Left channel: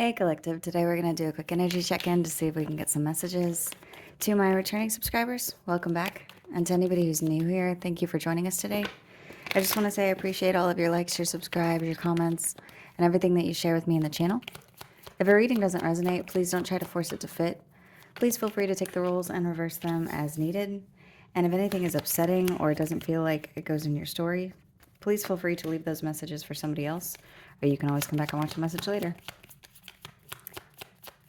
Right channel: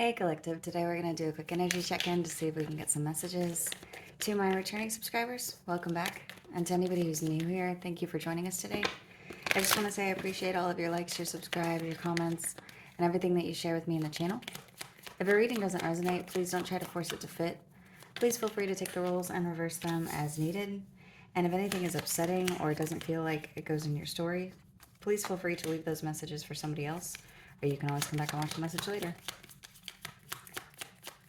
Hey Collective, today we're going to do a quick energy check-in to see if we can get some messages. To my returning subscribers, welcome back. And to anybody who's new here, thank you for joining us today. I just want to say I appreciate all of your likes, your subscribes, your comments, and everything that you share with me in the channel. If a reading doesn't resonate, please don't try to force it to fit. Please feel free to take the rules and reverse them as needed. And if anything is upsetting or it doesn't feel like it goes in your story, please feel free to leave those messages for somebody else, or you can always come back and watch the message later.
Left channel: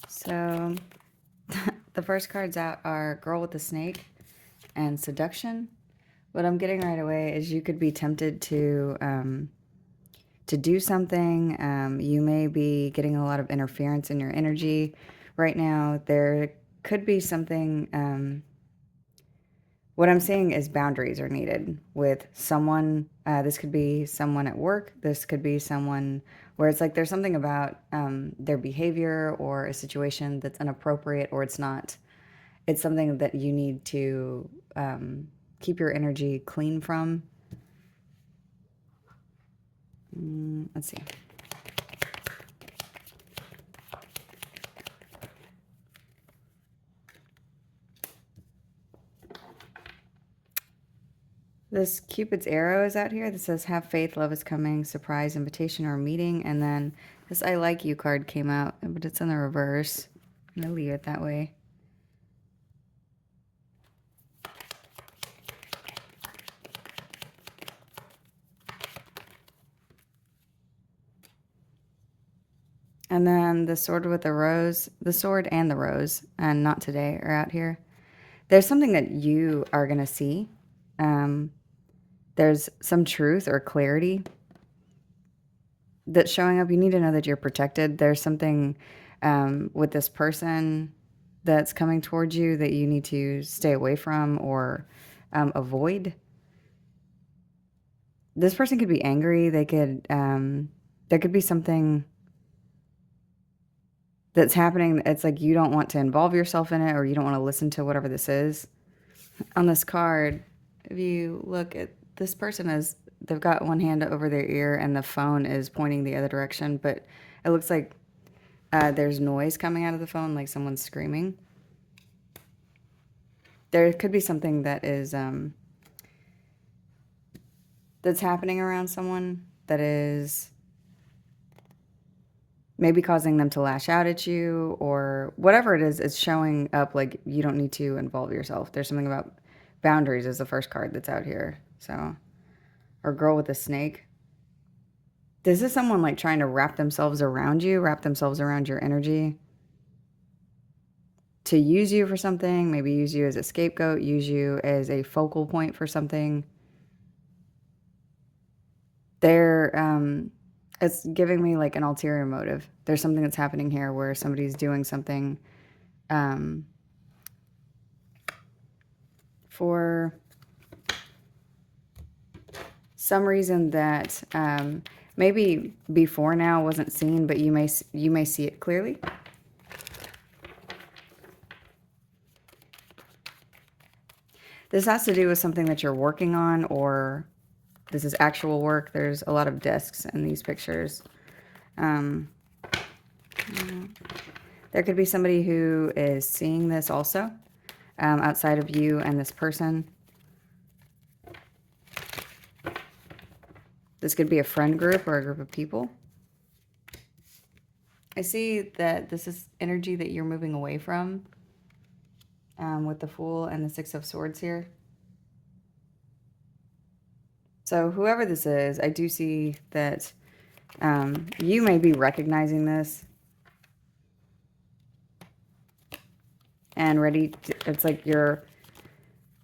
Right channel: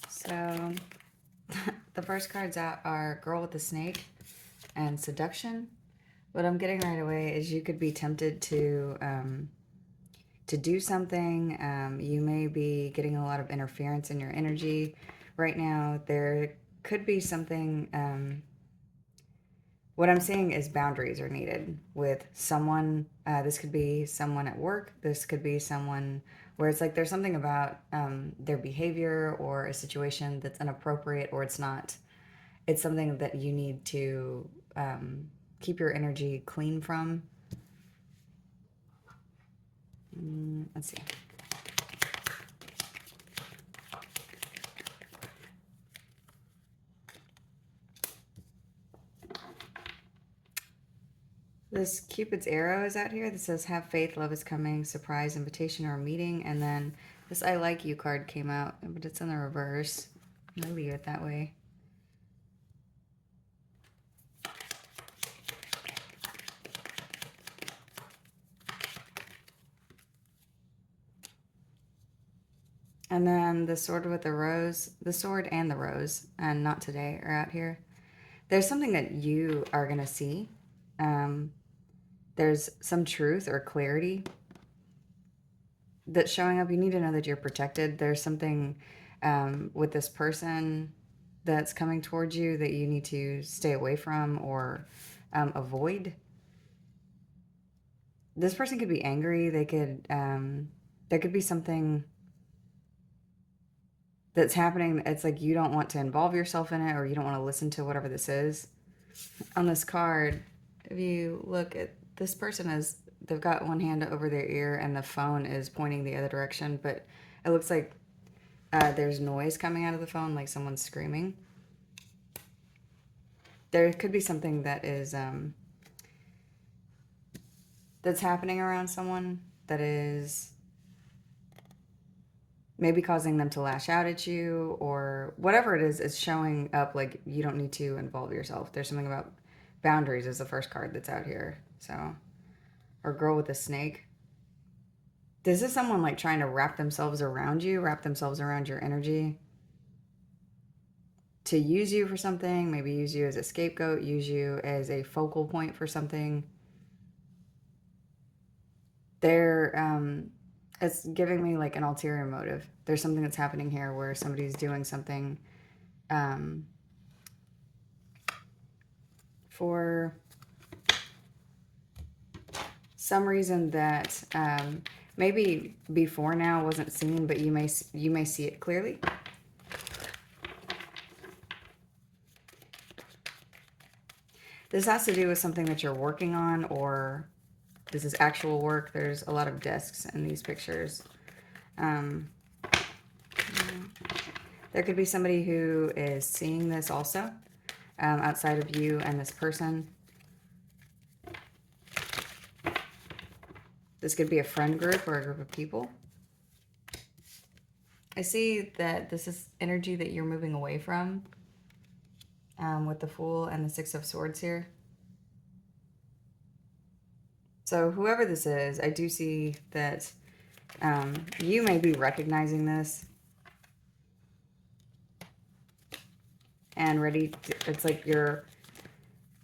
So the first cards out are Girl with the Snake and Seduction. What I'm getting right away is you could be tempted to do something. You may be getting a lot of interference in your energy right now. There could be something. What I'm seeing is boundaries are needed with someone. This could be someone at work. This could be someone where it's like there's something about their behavior or a situation that's inappropriate, or it's not. It's something that you need to keep your energy clean from. Let's see. This Cupid's arrow is out here that says, have faith, love is coming, surprise, invitation, or meeting. And then this I like you card came out, but it's in the reverse. I'm going to leave it that way. And then the sword with the rose, the sword and the rose, and not today, are out here. There's something that you are going to see. There's some truth or clarity that's showing up. You need to know that you're protected. There's something with this person that's coming towards you that you need to stay away from or avoid. This person could be angry. They could, there could be something that's happening. It's like you don't want to involve yourself in it, or you don't want to listen to whatever this is. On this card, if you look at this person, is they've got one hand over their ear and the phone is pointing the other direction, but it looks like there's noise coming out of the phone, like someone's screaming. There could be something that is that's happening around someone that is maybe causing them to lash out at you, or whatever it is. It's showing up like you don't need to involve yourself. There's something about boundaries is the first card that's out here. So, or Girl with a Snake. This is someone like trying to wrap themselves around you, wrap themselves around your energy to use you for something, maybe use you as a scapegoat, use you as a focal point for something. It's giving me like an ulterior motive. There's something that's happening here where somebody's doing something for some reason that maybe before now wasn't seen, but you may see it clearly. This has to do with something that you're working on, or this is actual work. There's a lot of desks in these pictures. There could be somebody who is seeing this also, outside of you and this person. This could be a friend group or a group of people. I see that this is energy that you're moving away from, with the Fool and the Six of Swords here. So whoever this is, I do see that you may be recognizing this and ready to, it's like you're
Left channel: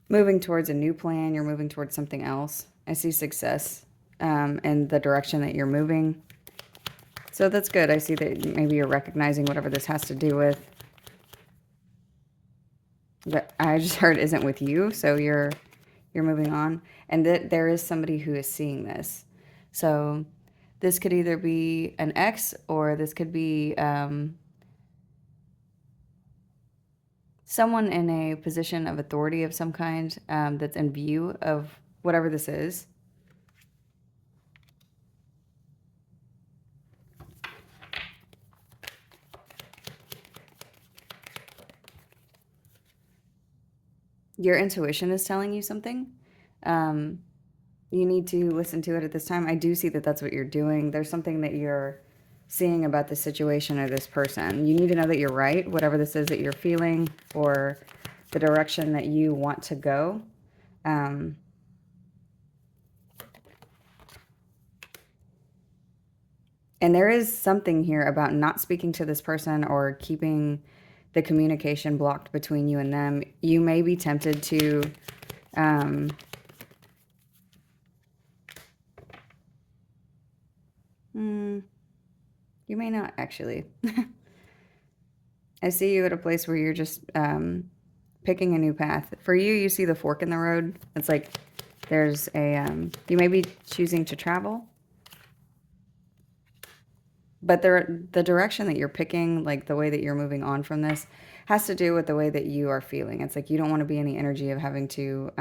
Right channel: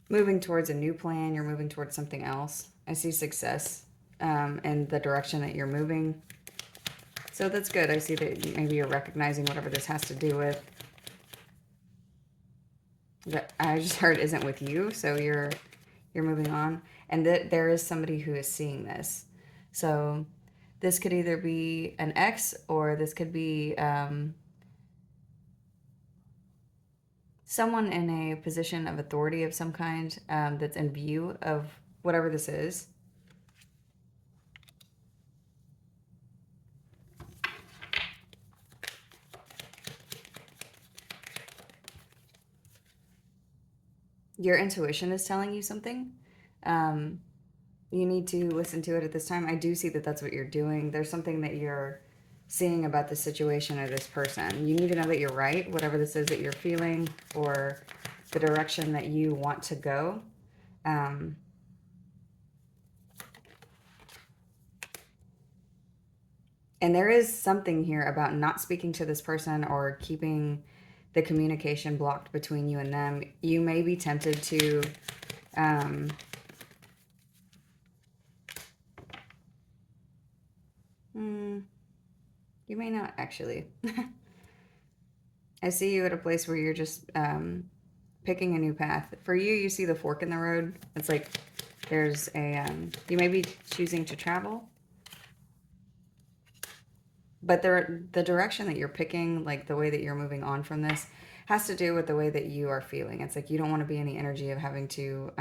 moving towards a new plan. You're moving towards something else. I see success in the direction that you're moving. So that's good. I see that maybe you're recognizing whatever this has to do with. That I just heard isn't with you, so you're moving on. And that there is somebody who is seeing this. So this could either be an ex, or this could be someone in a position of authority of some kind that's in view of whatever this is. Your intuition is telling you something. Um, you need to listen to it at this time. I do see that that's what you're doing. There's something that you're seeing about this situation or this person. You need to know that you're right, whatever this is that you're feeling or the direction that you want to go. Um, and there is something here about not speaking to this person or keeping the communication blocked between you and them. You may be tempted to you may not actually. I see you at a place where you're just picking a new path. For you, you see the fork in the road. It's like there's a, you may be choosing to travel, but the direction that you're picking, like the way that you're moving on from this, has to do with the way that you are feeling. It's like you don't want to be in the energy of having to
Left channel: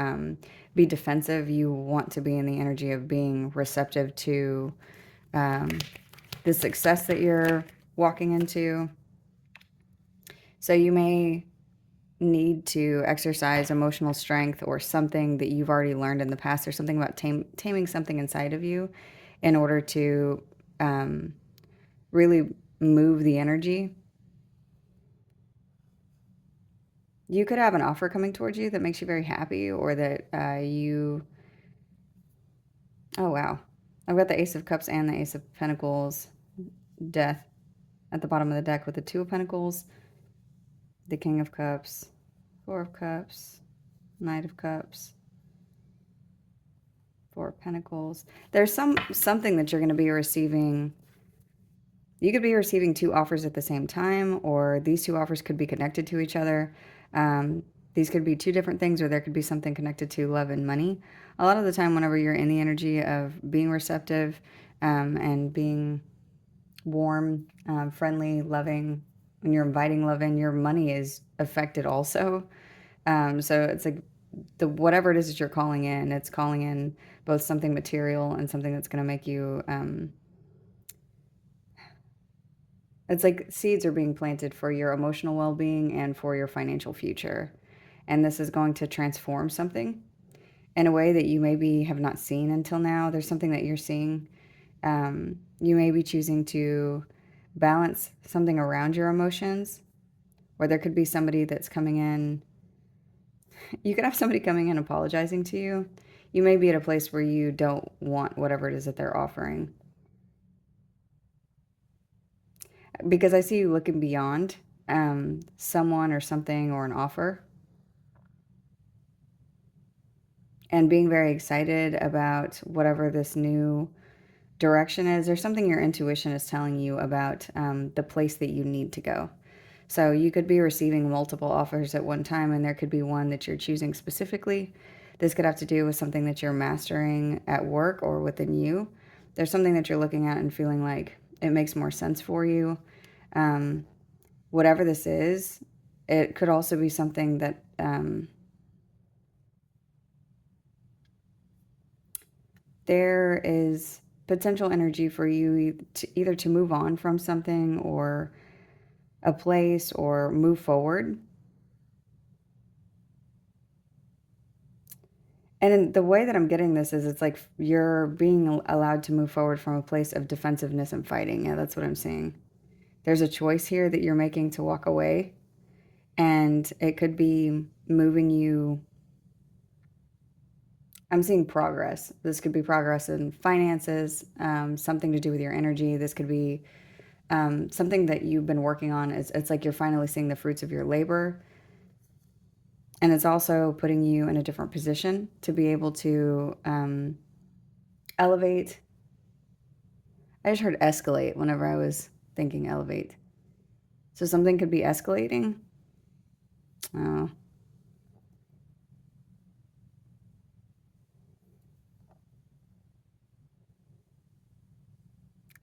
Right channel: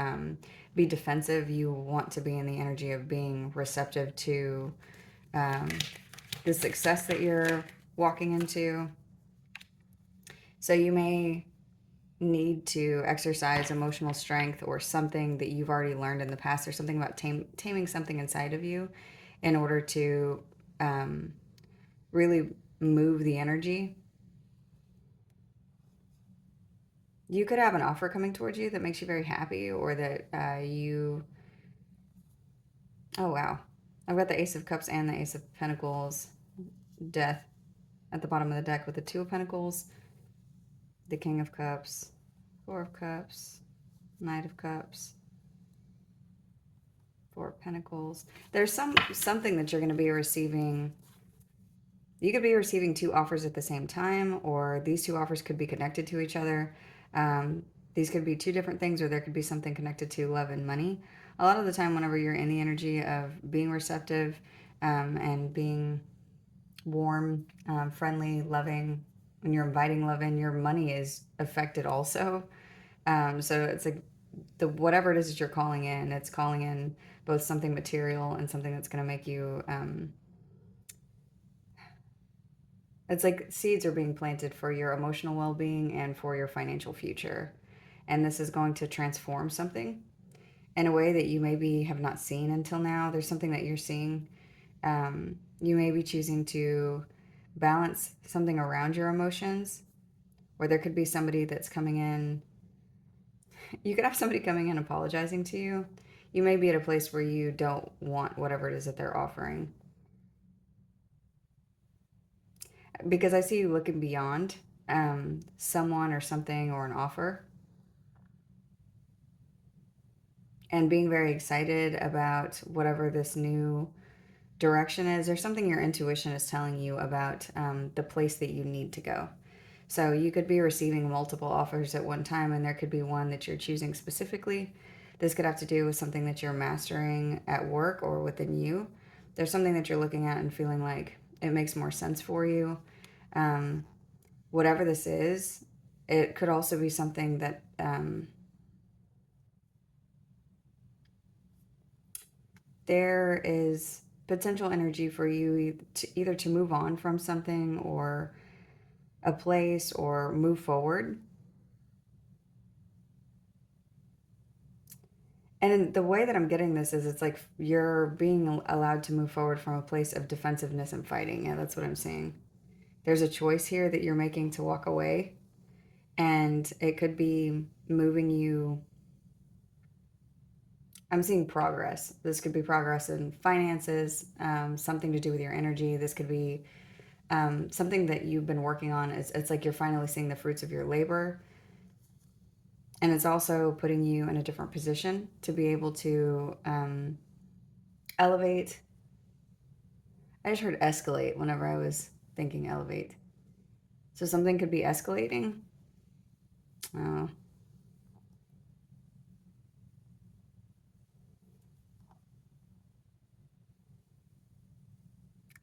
be defensive. You want to be in the energy of being receptive to the success that you're walking into. So you may need to exercise emotional strength or something that you've already learned in the past, or something about taming something inside of you in order to really move the energy. You could have an offer coming towards you that makes you very happy, or that oh wow, I've got the Ace of Cups and the Ace of Pentacles, Death at the bottom of the deck with the Two of Pentacles, the King of Cups, Four of Cups, Knight of Cups, Four of Pentacles. There's something that you're going to be receiving. You could be receiving two offers at the same time, or these two offers could be connected to each other. These could be two different things, or there could be something connected to love and money. A lot of the time, whenever you're in the energy of being receptive and being warm, friendly, loving, when you're inviting love in, your money is affected also. So it's like whatever it is that you're calling in, it's calling in both something material and something that's going to make you it's like seeds are being planted for your emotional well-being and for your financial future, and this is going to transform something in a way that you maybe have not seen until now. There's something that you're seeing. You may be choosing to balance something around your emotions, or there could be somebody that's coming in. You could have somebody coming in apologizing to you. You may be at a place where you don't want whatever it is that they're offering. Because I see you looking beyond someone or something or an offer, and being very excited about whatever this new direction is. There's something your intuition is telling you about the place that you need to go. So you could be receiving multiple offers at one time, and there could be one that you're choosing specifically. This could have to do with something that you're mastering at work or within you. There's something that you're looking at and feeling like it makes more sense for you. Whatever this is, it could also be something that there is potential energy for you to either to move on from something or a place or move forward. And the way that I'm getting this is it's like you're being allowed to move forward from a place of defensiveness and fighting. Yeah, that's what I'm seeing. There's a choice here that you're making to walk away, and it could be moving you. I'm seeing progress. This could be progress in finances, something to do with your energy. This could be something that you've been working on. It's like you're finally seeing the fruits of your labor. And it's also putting you in a different position to be able to elevate. I just heard escalate whenever I was thinking elevate. So something could be escalating. Oh.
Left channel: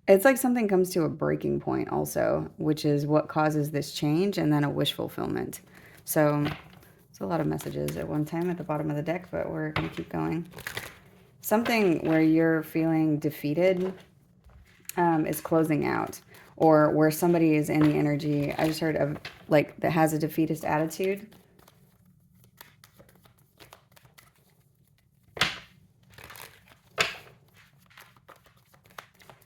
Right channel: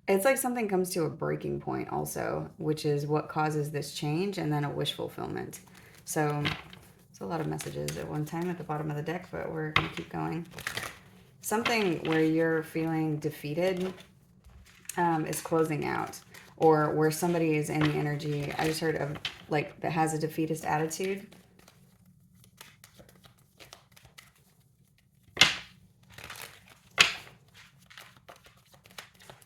It's like something comes to a breaking point also, which is what causes this change, and then a wish fulfillment. So it's a lot of messages at one time at the bottom of the deck, but we're going to keep going. Something where you're feeling defeated is closing out, or where somebody is in the energy. I just heard of like that has a defeatist attitude.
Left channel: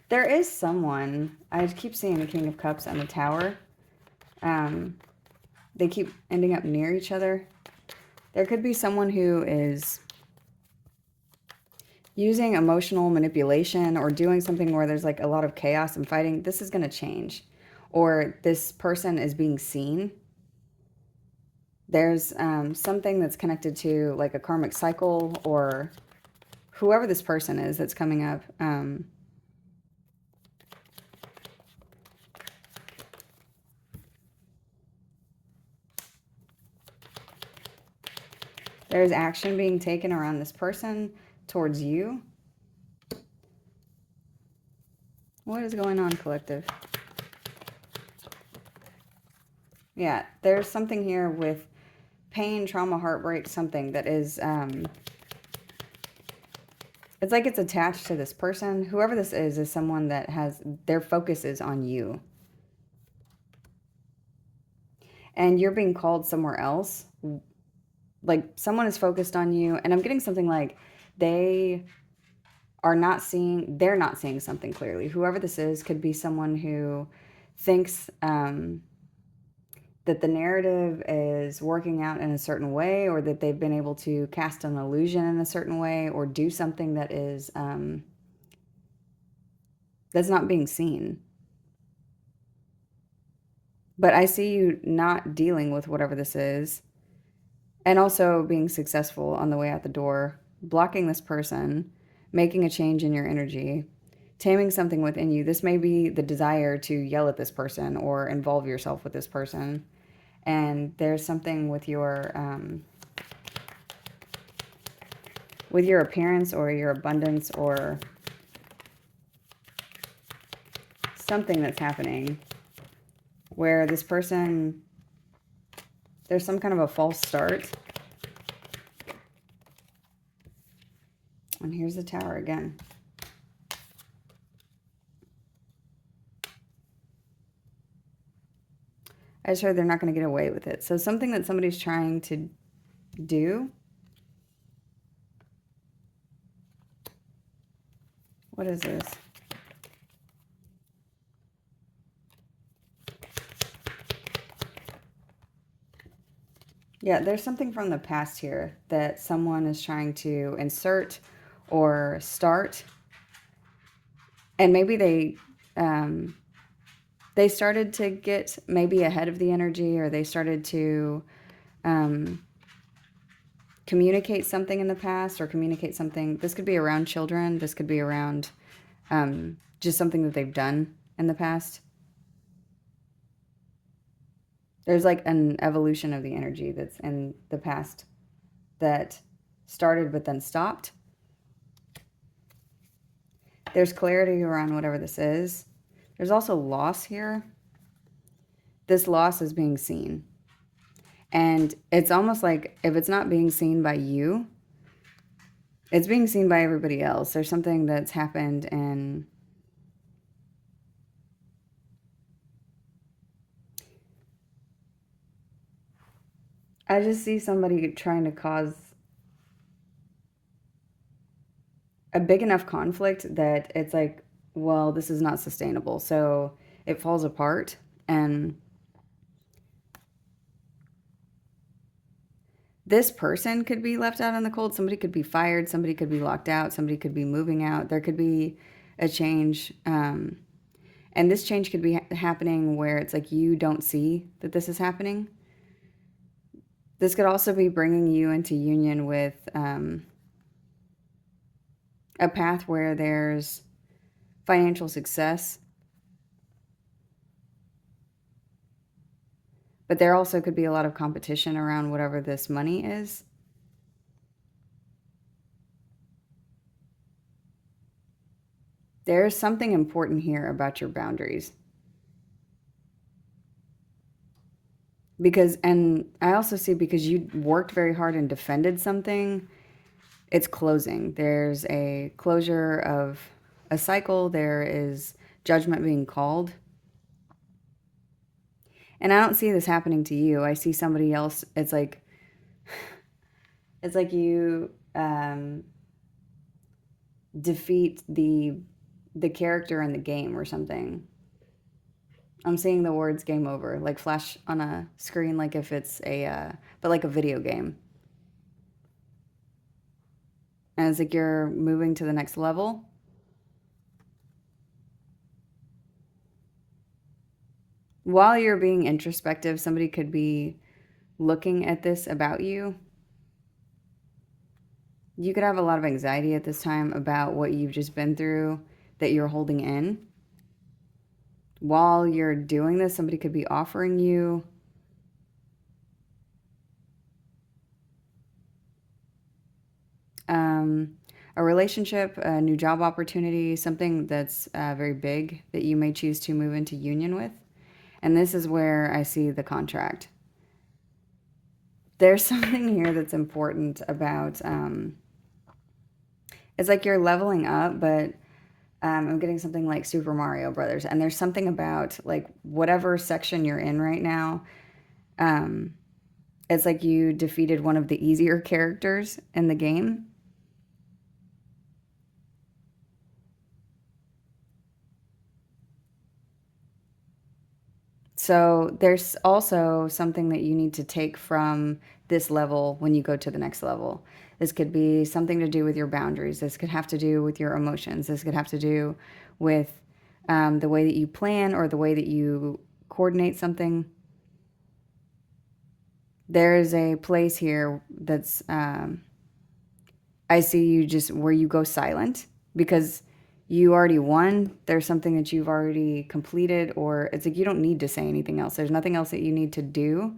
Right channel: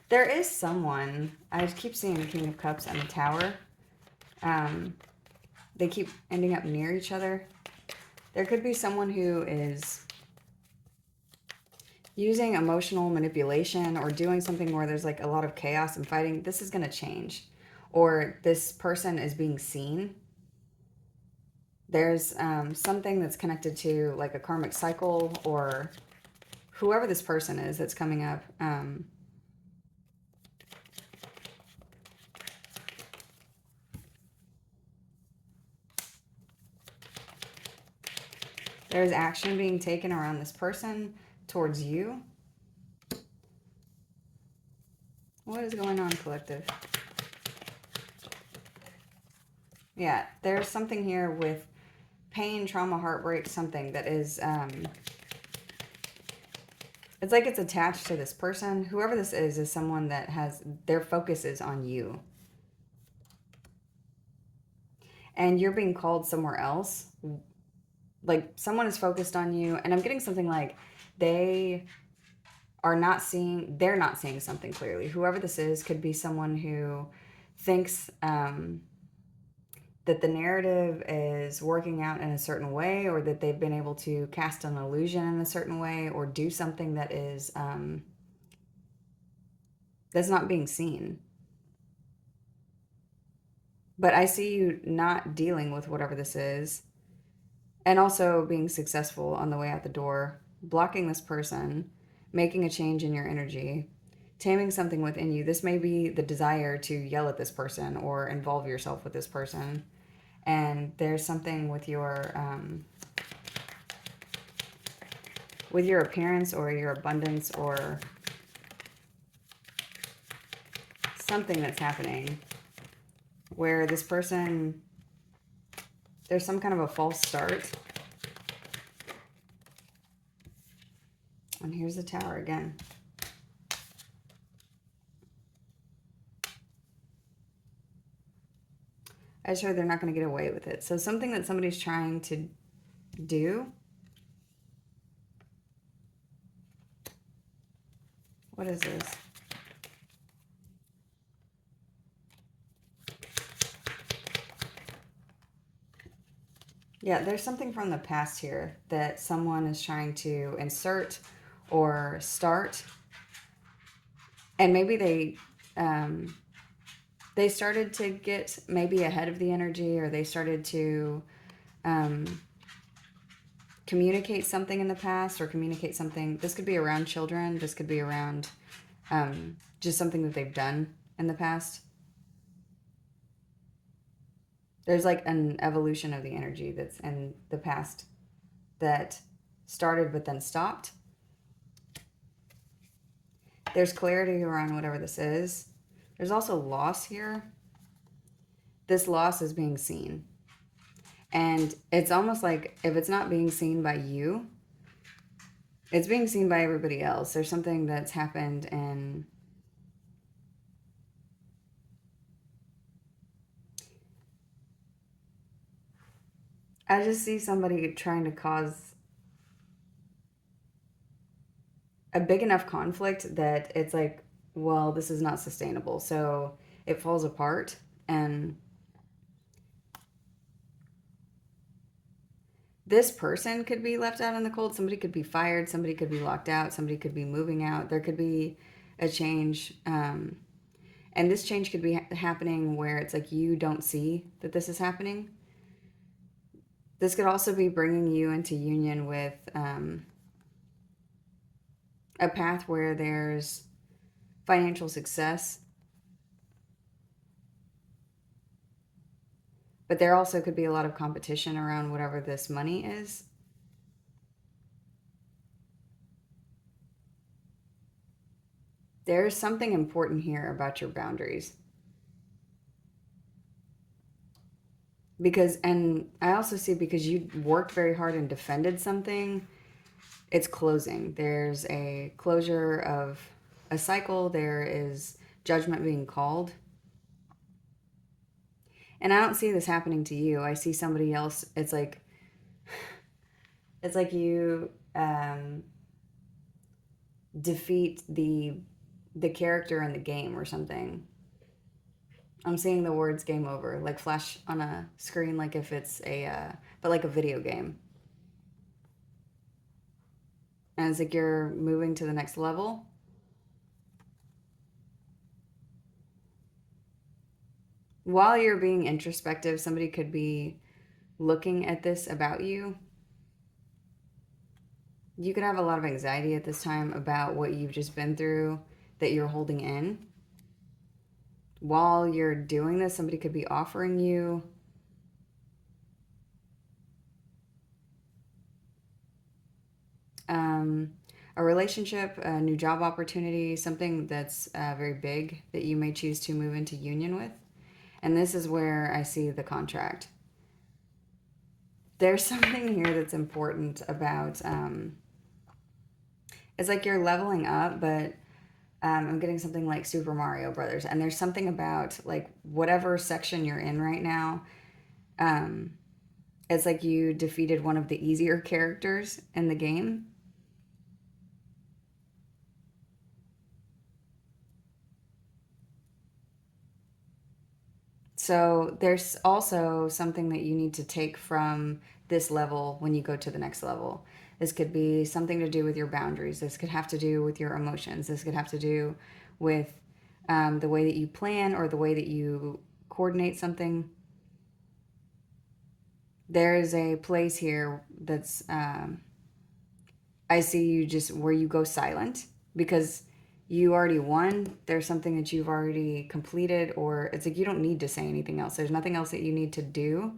There is someone, I keep seeing the King of Cups and the Tower. They keep ending up near each other. There could be someone who is using emotional manipulation or doing something where there's like a lot of chaos and fighting. This is going to change. Or this person is being seen. There's something that's connected to like a karmic cycle or whoever this person is that's coming up. There's action being taken around this person towards you. What is going on, collective? Yeah, there's something here with pain, trauma, heartbreak, something that is, it's like it's attached to this person. Whoever this is someone that has, their focus is on you. And you're being called somewhere else. Like someone is focused on you. And I'm getting something like they're not seeing something clearly. Whoever this is could be someone who thinks that the narrative is working out in a certain way, or that they've been able to cast an illusion in a certain way, or do something that is that's not being seen. But I see you not dealing with whatever this is, and also being successful on the way out the door, blocking this person, making a change in your energy, taming something within you. This may be the desire to yell at this person or involve yourself with this person. And there's something with your appearance or your abundance or something that's happening where this person, there's some kind of a false start. And here's the Tower again. I just heard they're not going to get away with it. So something that somebody's trying to do. What is this? Yeah, there's something from the past here that someone is trying to insert or start. And maybe they started to get maybe ahead of the energy, or they started to communicate something in the past, or communicate something. This could be around children. This could be around just something that they've done in the past. There's like an evolution of the energy that's in the past that started but then stopped. There's clarity around whatever this is. There's also loss here. This loss is being seen. And it's almost like if it's not being seen by you, it's being seen by everybody else. There's something that's happened and I just see somebody trying to cause a big enough conflict that it's like, well, this is not sustainable. So it falls apart. And this person could be left out in the cold. Somebody could be fired. Somebody could be locked out. Somebody could be moving out. There could be a change. And this change could be happening where it's like you don't see that this is happening. This could also be bringing you into union with a path where there's financial success. But there also could be a lot of competition around whatever this money is. There's something important here about your boundaries. Because, and I also see because you worked very hard and defended something, it's closing. There's a closure of a cycle. There is judgment being called. And I don't see this happening to you. I see somebody else. It's like you defeat the the character in the game or something. I'm seeing the words game over, like flash on a screen, like if it's but like a video game. And it's like you're moving to the next level. While you're being introspective, somebody could be looking at this about you. You could have a lot of anxiety at this time about what you've just been through that you're holding in. While you're doing this, somebody could be offering you a relationship, a new job opportunity, something that's very big that you may choose to move into union with. And this is where I see the contract. There's something here that's important about, it's like you're leveling up, but I'm getting something like Super Mario Brothers. And there's something about like whatever section you're in right now. It's like you defeated one of the easier characters in the game. So there's also something that you need to take from this level when you go to the next level. This could be something to do with your boundaries. This could have to do with your emotions. This could have to do with the way that you plan or the way that you coordinate something. There is a place here that's, I see you just where you go silent because you already won. There's something that you've already completed, or it's like you don't need to say anything else. There's nothing else that you need to do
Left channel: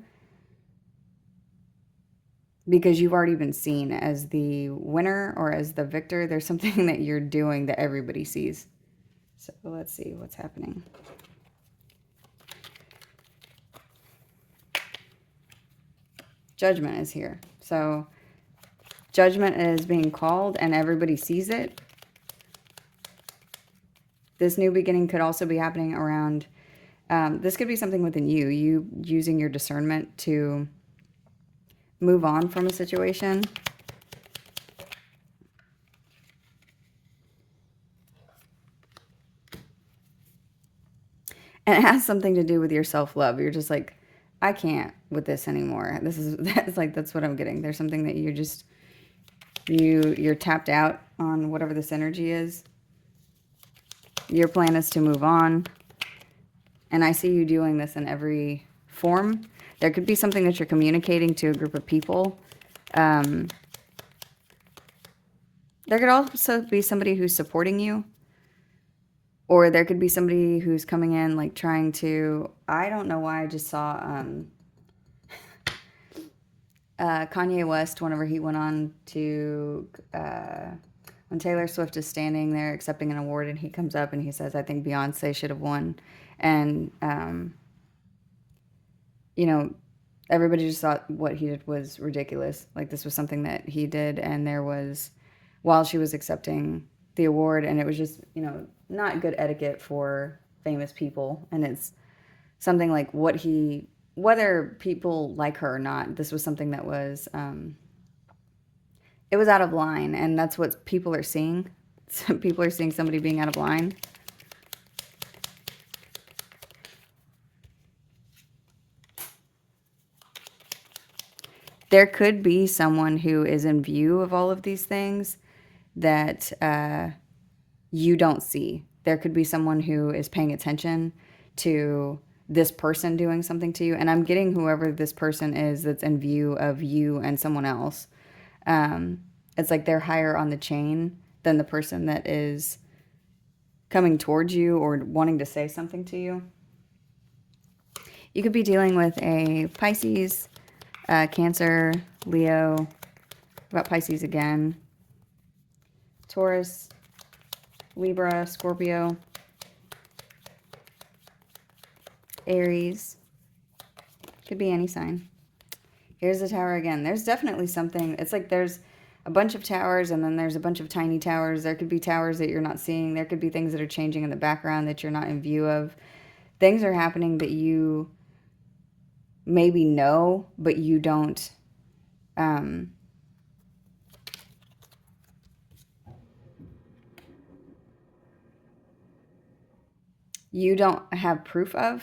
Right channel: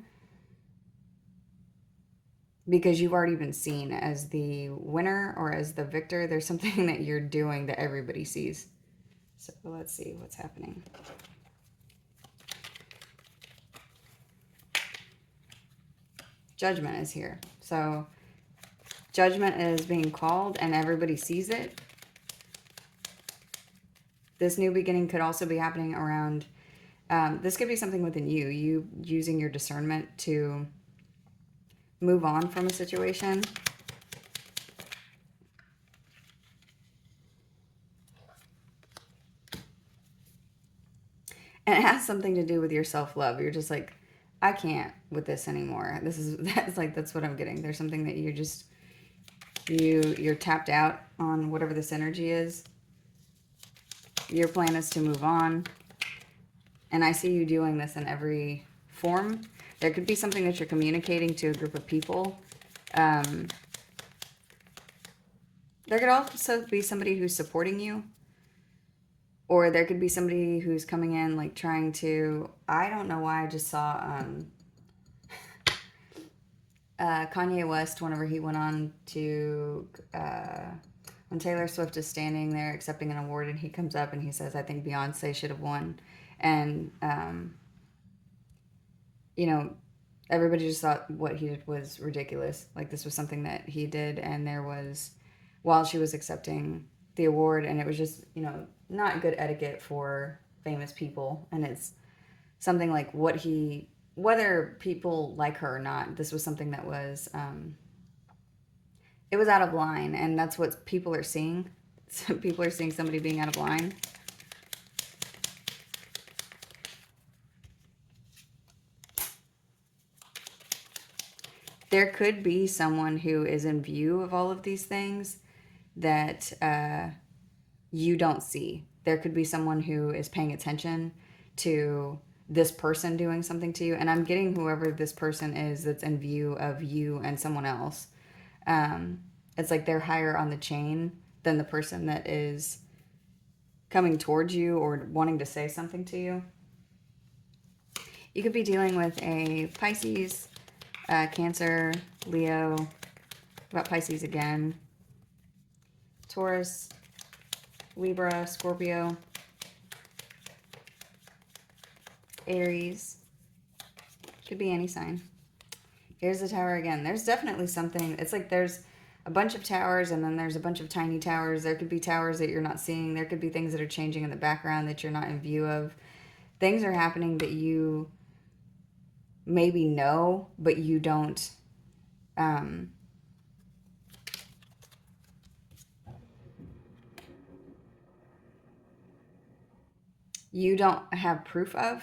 because you've already been seen as the winner or as the victor. There's something that you're doing that everybody sees. So let's see what's happening. Judgment is here. So judgment is being called and everybody sees it. This new beginning could also be happening around, this could be something within you, you using your discernment to move on from a situation. And it has something to do with your self-love. You're just like, I can't with this anymore. That's what I'm getting. There's something that you just, you're tapped out on whatever this energy is. Your plan is to move on. And I see you doing this in every form. There could be something that you're communicating to a group of people. There could also be somebody who's supporting you. Or there could be somebody who's coming in like trying to, I don't know why I just saw Kanye West whenever he went on to, when Taylor Swift is standing there accepting an award and he comes up and he says, I think Beyonce should have won. And, you know, everybody just thought what he did was ridiculous. Like this was something that he did and there was, while she was accepting the award, and it was just, you know, not good etiquette for famous people. And it's something like what he, whether people like her or not, this was something that was, it was out of line. And that's what people are seeing. People are seeing somebody being out of line. There could be someone who is in view of all of these things that you don't see. There could be someone who is paying attention to this person doing something to you. And I'm getting whoever this person is that's in view of you and someone else. It's like they're higher on the chain than the person that is coming towards you or wanting to say something to you. You could be dealing with a Pisces, Cancer, Leo, about Pisces again, Taurus, Libra, Scorpio, Aries. Could be any sign. Here's the tower again. There's definitely something. It's like there's a bunch of towers and then there's a bunch of tiny towers. There could be towers that you're not seeing. There could be things that are changing in the background that you're not in view of. Things are happening that you maybe know, but you don't. you don't have proof of.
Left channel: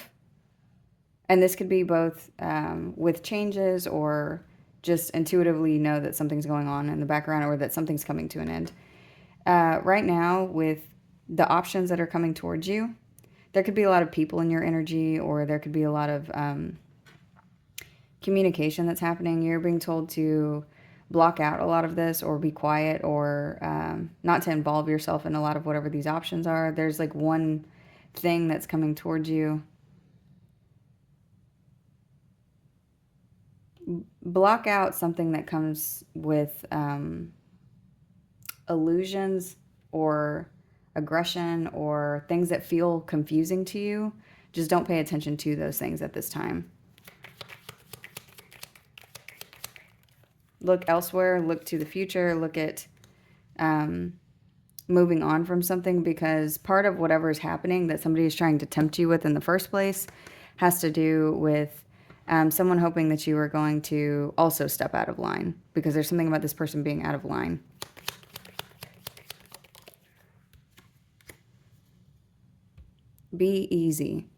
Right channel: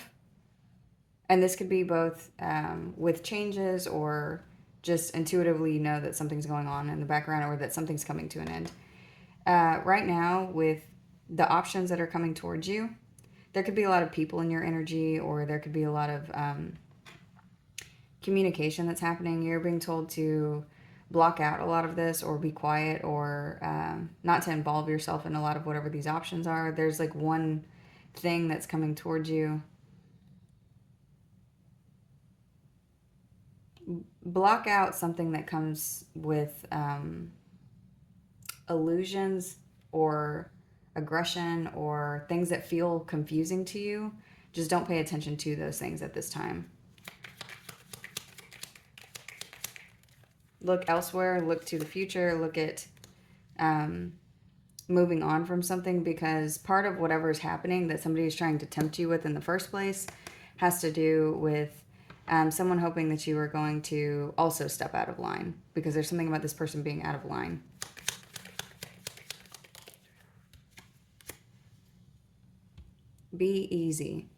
And this could be both with changes or just intuitively know that something's going on in the background or that something's coming to an end. Right now, with the options that are coming towards you, there could be a lot of people in your energy, or there could be a lot of communication that's happening. You're being told to block out a lot of this or be quiet, or not to involve yourself in a lot of whatever these options are. There's like one thing that's coming towards you. Block out something that comes with illusions or aggression or things that feel confusing to you. Just don't pay attention to those things at this time. Look elsewhere, look to the future, look at moving on from something, because part of whatever is happening that somebody is trying to tempt you with in the first place has to do with someone hoping that you are going to also step out of line, because there's something about this person being out of line. Be easy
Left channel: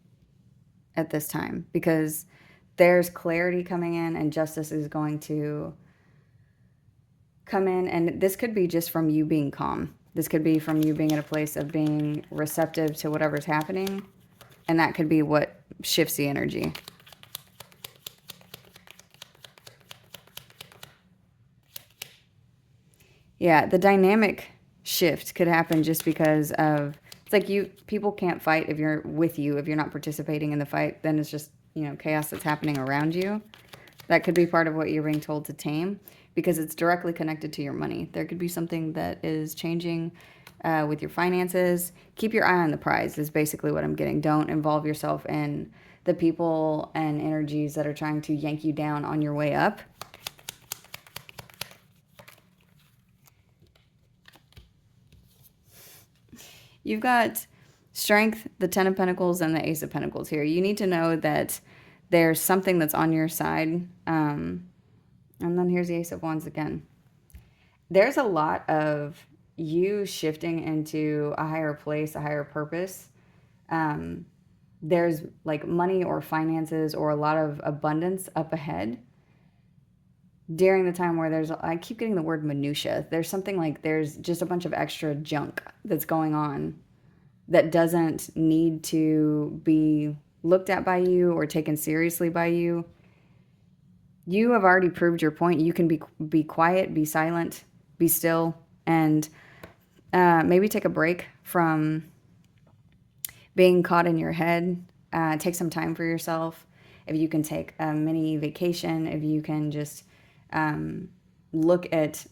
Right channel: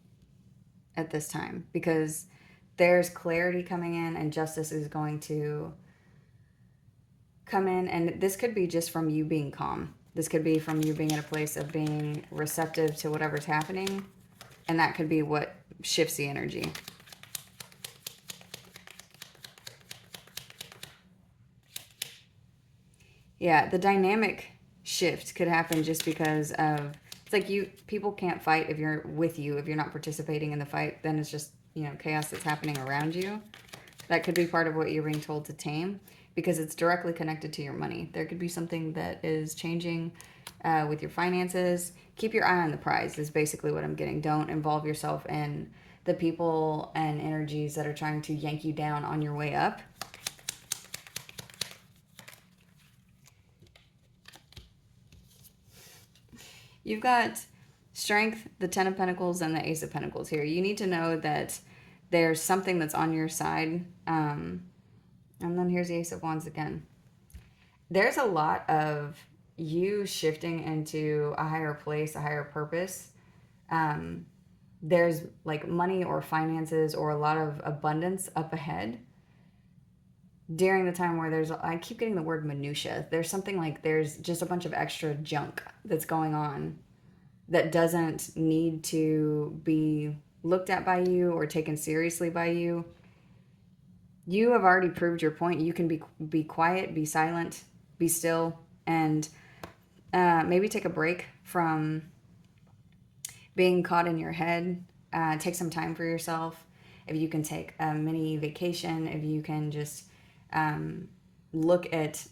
at this time, because there's clarity coming in and justice is going to come in. And this could be just from you being calm. This could be from you being at a place of being receptive to whatever's happening. And that could be what shifts the energy. Yeah, the dynamic shift could happen just because of, it's like people can't fight if you're with you. If you're not participating in the fight, then it's just, chaos that's happening around you. That could be part of what you're being told to tame, because it's directly connected to your money. There could be something that is changing with your finances. Keep your eye on the prize is basically what I'm getting. Don't involve yourself in the people and energies that are trying to yank you down on your way up. You've got Strength, the Ten of Pentacles, and the Ace of Pentacles here. You need to know that there's something that's on your side. And then here's the Ace of Wands again. There's a lot of you shifting into a higher place, a higher purpose. There's like money or finances or a lot of abundance up ahead during the time where I keep getting the word minutia. There's something like there's just a bunch of extra junk that's going on that doesn't need to be looked at by you or taken seriously by you. You have already proved your point. You can be quiet, be silent, be still, and maybe take a break from being caught in your head. Take some time for yourself. If you can take a mini vacation, if you can just look at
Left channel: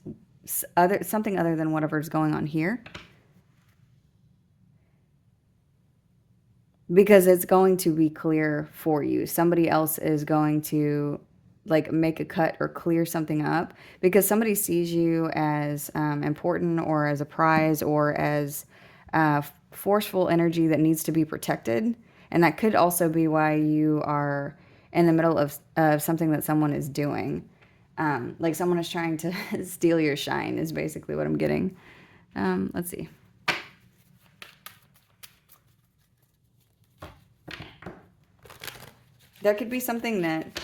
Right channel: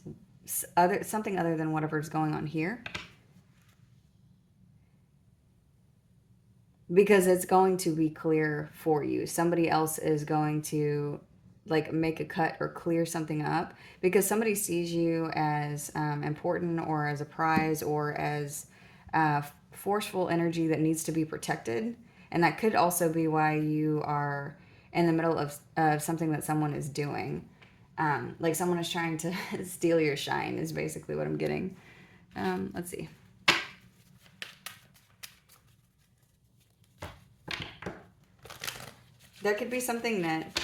something other than whatever's going on here. Because it's going to be clear for you. Somebody else is going to like make a cut or clear something up, because somebody sees you as important or as a prize or as forceful energy that needs to be protected. And that could also be why you are in the middle of something that someone is doing. Like someone is trying to steal your shine is basically what I'm getting. Let's see. There could be something that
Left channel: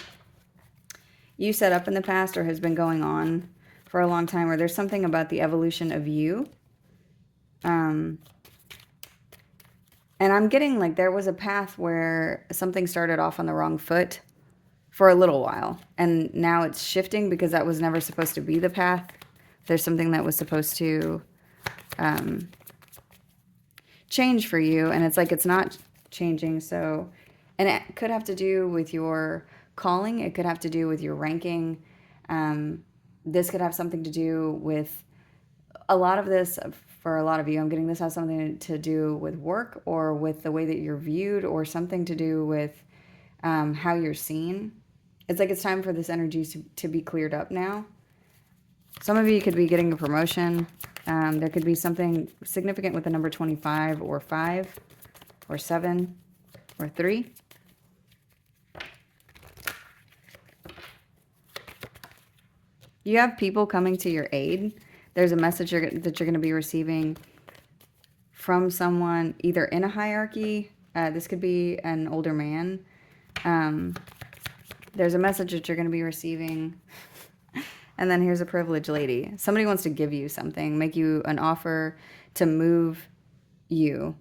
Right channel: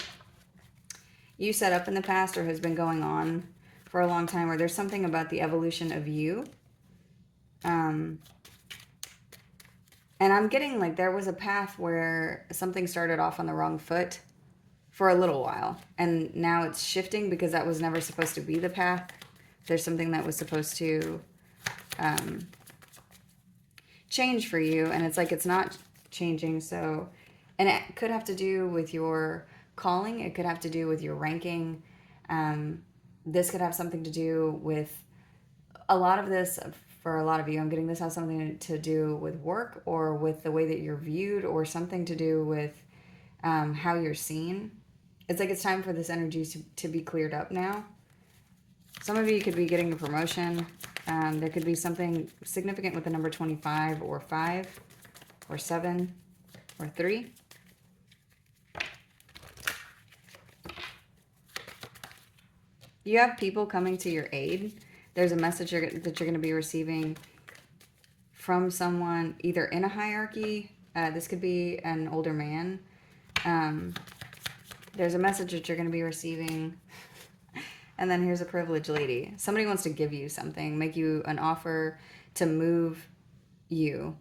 you set up in the past or has been going on for a long time, or there's something about the evolution of you. And I'm getting like there was a path where something started off on the wrong foot for a little while. And now it's shifting because that was never supposed to be the path. There's something that was supposed to change for you. And it's like it's not changing. So, and it could have to do with your calling. It could have to do with your ranking. This could have something to do with a lot of this. For a lot of you, I'm getting this has something to do with work or with the way that you're viewed, or something to do with how you're seen. It's like it's time for this energy to be cleared up now. Some of you could be getting a promotion. There could be something significant with the number 25 or 5 or 7 or 3. You have people coming to your aid. There's a message that you're going to be receiving from someone either in a hierarchy This could be an older man. There's a message that you're going to be receiving. And then here's a privileged lady. Somebody wants to give you something, make you an offer to move you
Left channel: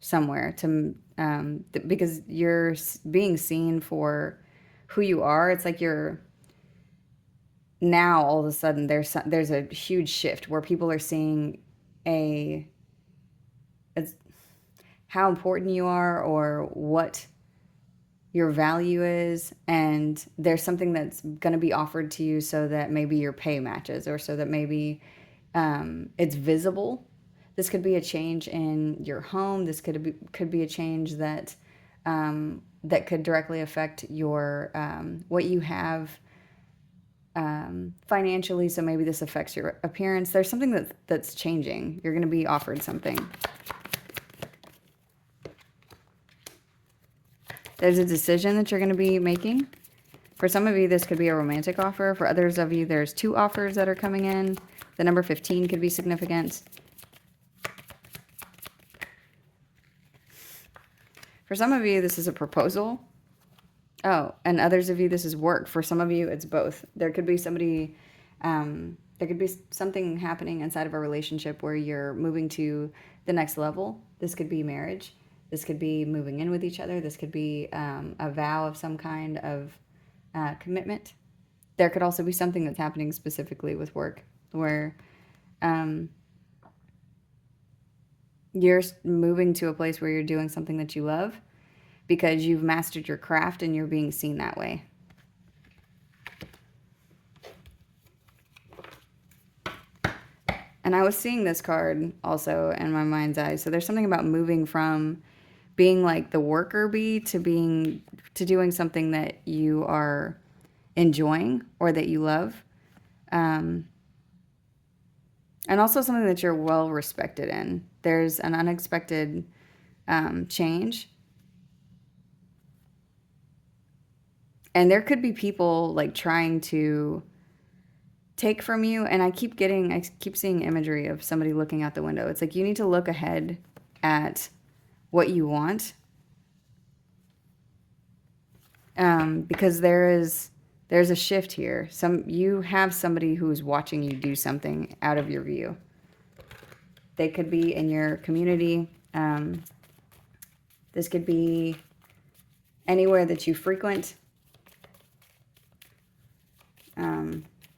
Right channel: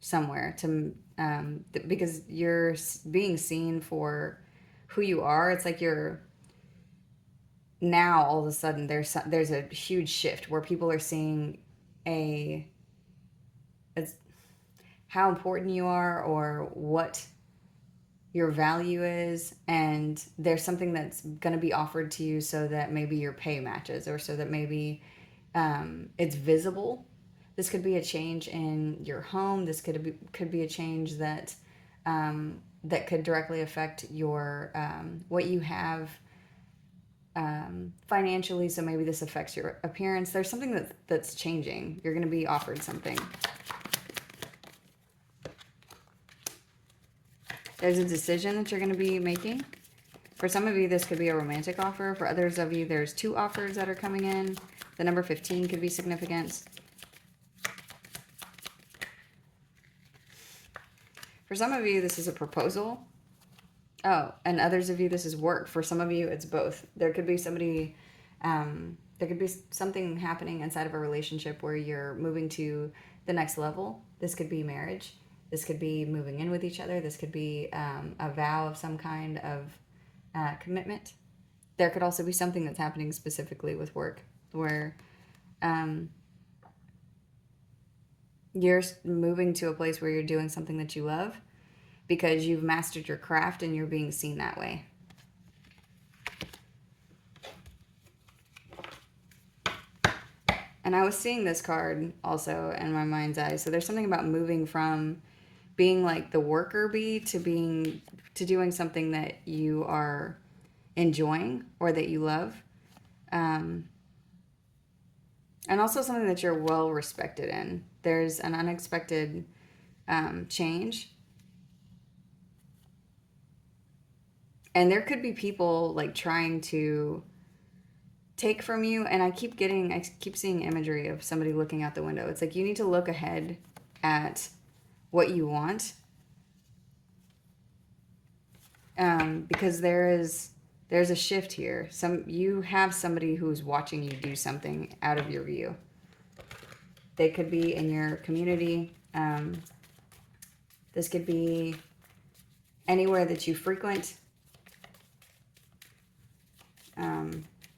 somewhere to because you're being seen for who you are. It's like you're now all of a sudden there's a huge shift where people are seeing it's how important you are or what your value is, and there's something that's going to be offered to you so that maybe your pay matches, or so that maybe it's visible. This could be a change in your home. This could be a change that that could directly affect your what you have financially. So maybe this affects your appearance. There's something that's changing. You're going to be offered something. There's a decision that you're going to be making. For some of you, this could be a romantic offer. For others of you, there's 2 offers that are coming in. The number 15 could be significant. For some of you, this is a proposal. Oh, and others of you, this is work. For some of you, it's both. There could be somebody, there could be something happening inside of a relationship where you're moving to the next level. This could be marriage. This could be moving in with each other. This could be a vow of some kind of commitment. There could also be something that's happening specifically with work where you're moving to a place where you're doing something that you love because you've mastered your craft and you're being seen that way. And I was seeing this card also in my mind's eye. So there's something about moving from being like the worker bee to doing something that you are enjoying or that you love. And also something that you're well respected in. There's an unexpected change. And there could be people like trying to take from you. And I keep seeing imagery of somebody looking out the window. It's like you need to look ahead at what you want. Because there's a shift here. You have somebody who's watching you do something out of your view. They could be in your community. This could be anywhere that you frequent.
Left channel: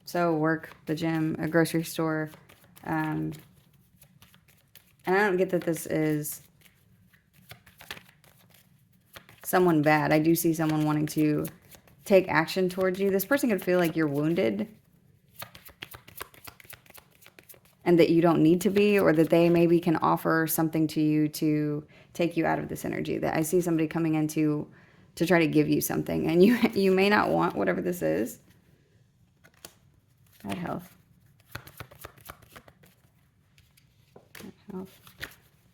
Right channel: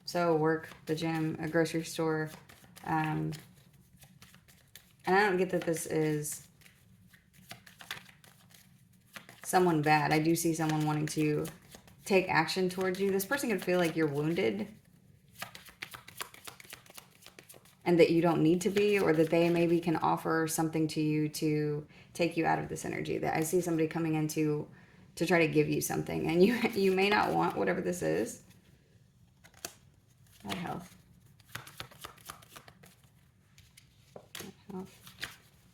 So work, the gym, a grocery store. And I don't get that this is someone bad. I do see someone wanting to take action towards you. This person could feel like you're wounded and that you don't need to be, or that they maybe can offer something to you to take you out of this energy. That I see somebody coming in to try to give you something, and you may not want whatever this is. God, health. Health.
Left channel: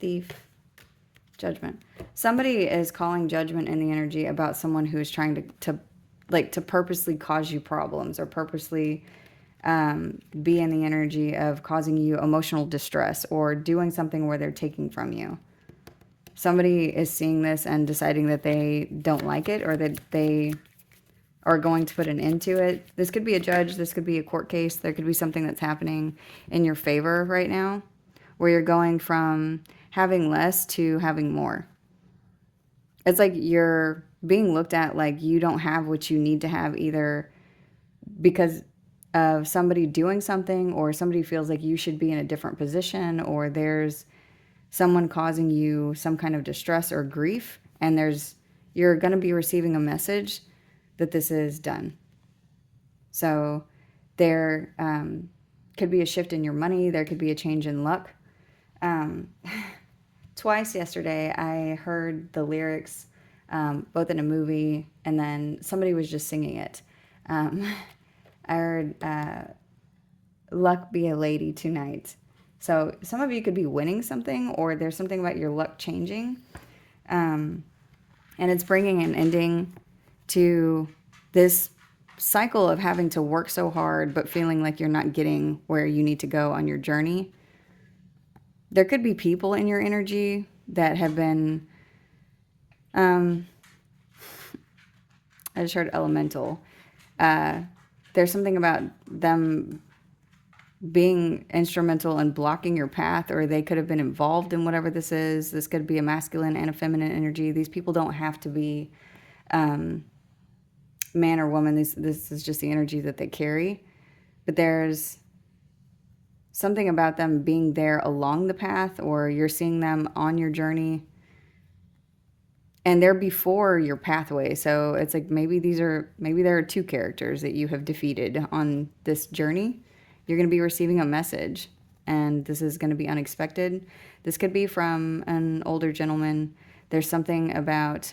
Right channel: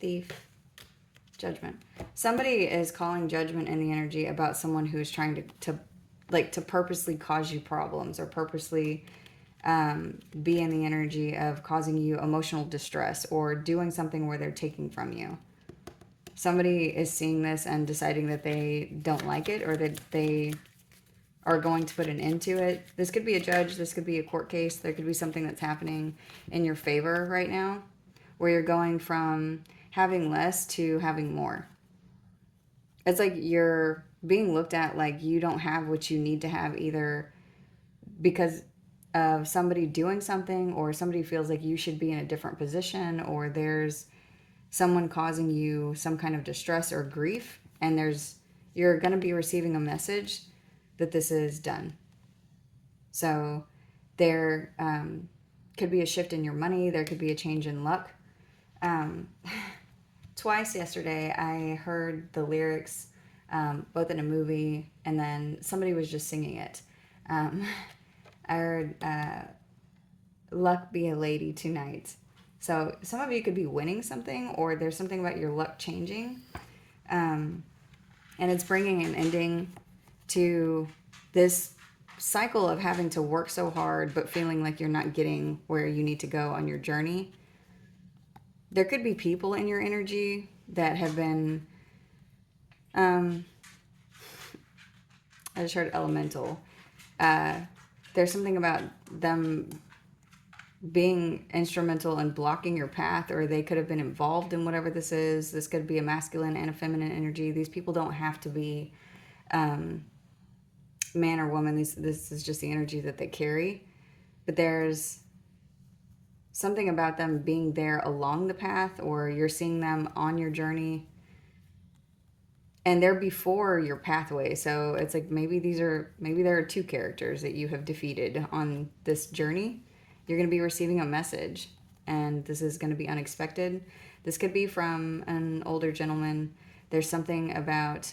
Thief. Judgment. Somebody is calling judgment in the energy about someone who's trying to purposely cause you problems, or purposely be in the energy of causing you emotional distress, or doing something where they're taking from you. Somebody is seeing this and deciding that they don't like it, or that they are going to put an end to it. This could be a judge. This could be a court case. There could be something that's happening in your favor right now, where you're going from having less to having more. It's like you're being looked at like you don't have what you need to have, either because of somebody doing something, or somebody feels like you should be in a different position, or there's someone causing you some kind of distress or grief, and you're going to be receiving a message that this is done. So there could be a shift in your money. There could be a change in luck. Twice yesterday, I heard the lyrics, both in a movie, and then somebody was just singing it. I heard, luck be a lady tonight. So some of you could be winning something, or there's something about your luck changing. And it's bringing an ending to this cycle of having to work so hard, but feeling like you're not getting where you need to go on your journey. There could be people in your energy that have been I just heard elemental. There's something about them being instrumental in blocking your path, or they could have been involved in whatever this is. This could be a masculine and a feminine energy. These people don't have to be man or woman. This is just the energy that they carry. But there's something about them being there along the path, or you're seeing them on your journey, and they're before your pathway. So it's like maybe there are two characters that you have defeated on this journey. You're going to be receiving a message, and this is going to be unexpected. This could be from an older gentleman. There's something about